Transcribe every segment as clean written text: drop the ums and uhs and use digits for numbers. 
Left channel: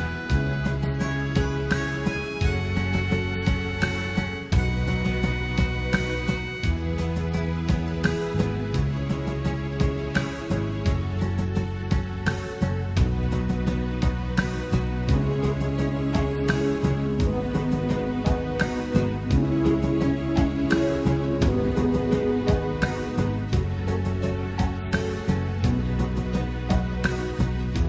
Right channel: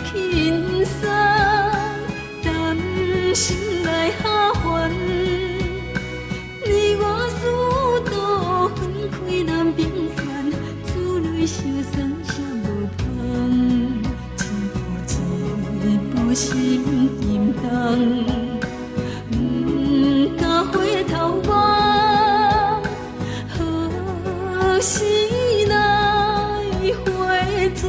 轻松，担心来下凡。你我殊途分开难平凡，厝内相送谁无芳，一步一步心沉重。敢回头望，何时来回转？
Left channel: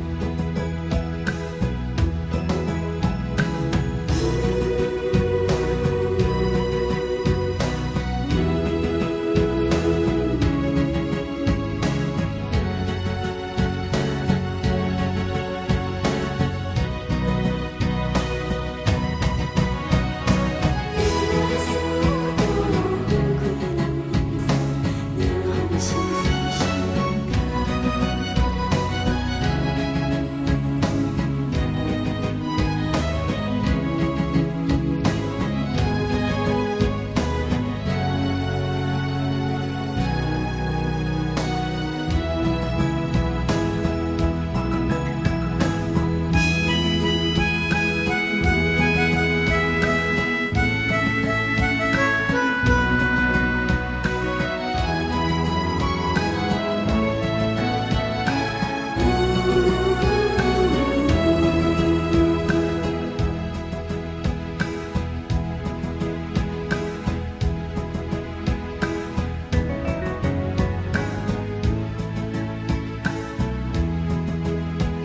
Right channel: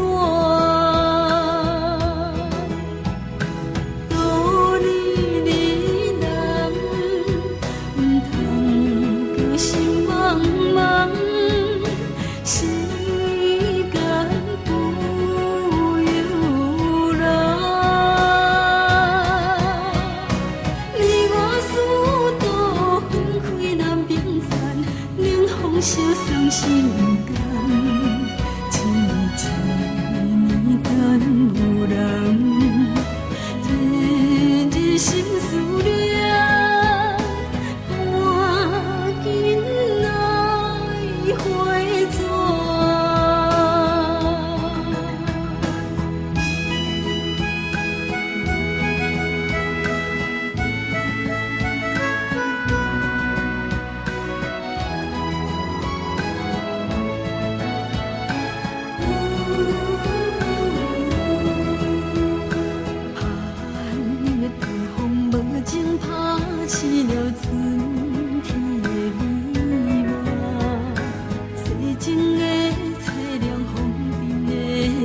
道理你人，唔通搁心茫茫，时间不由人。你我殊途分开难平散，冷风相送是人间。一年等有人，日日心思念，赶紧来回转。寒的大风无情拍醒了春天的美梦，西情的凄凉，风中的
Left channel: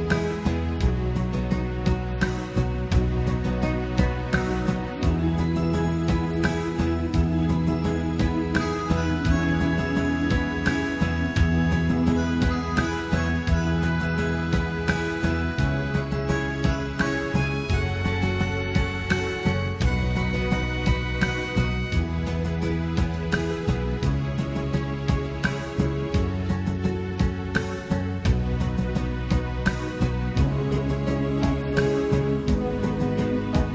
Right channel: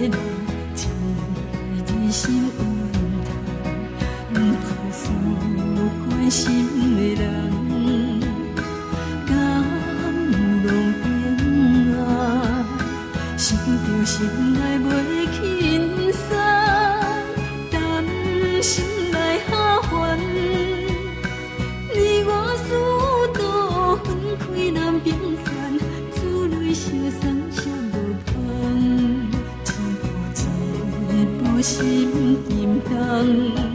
梦，一日心有痛，不知所关心的人，敢有拢变啊？想着心内袂轻松，担心来下凡。你我殊途分开难平凡，厝内相送谁无芳，一步一步心沉重。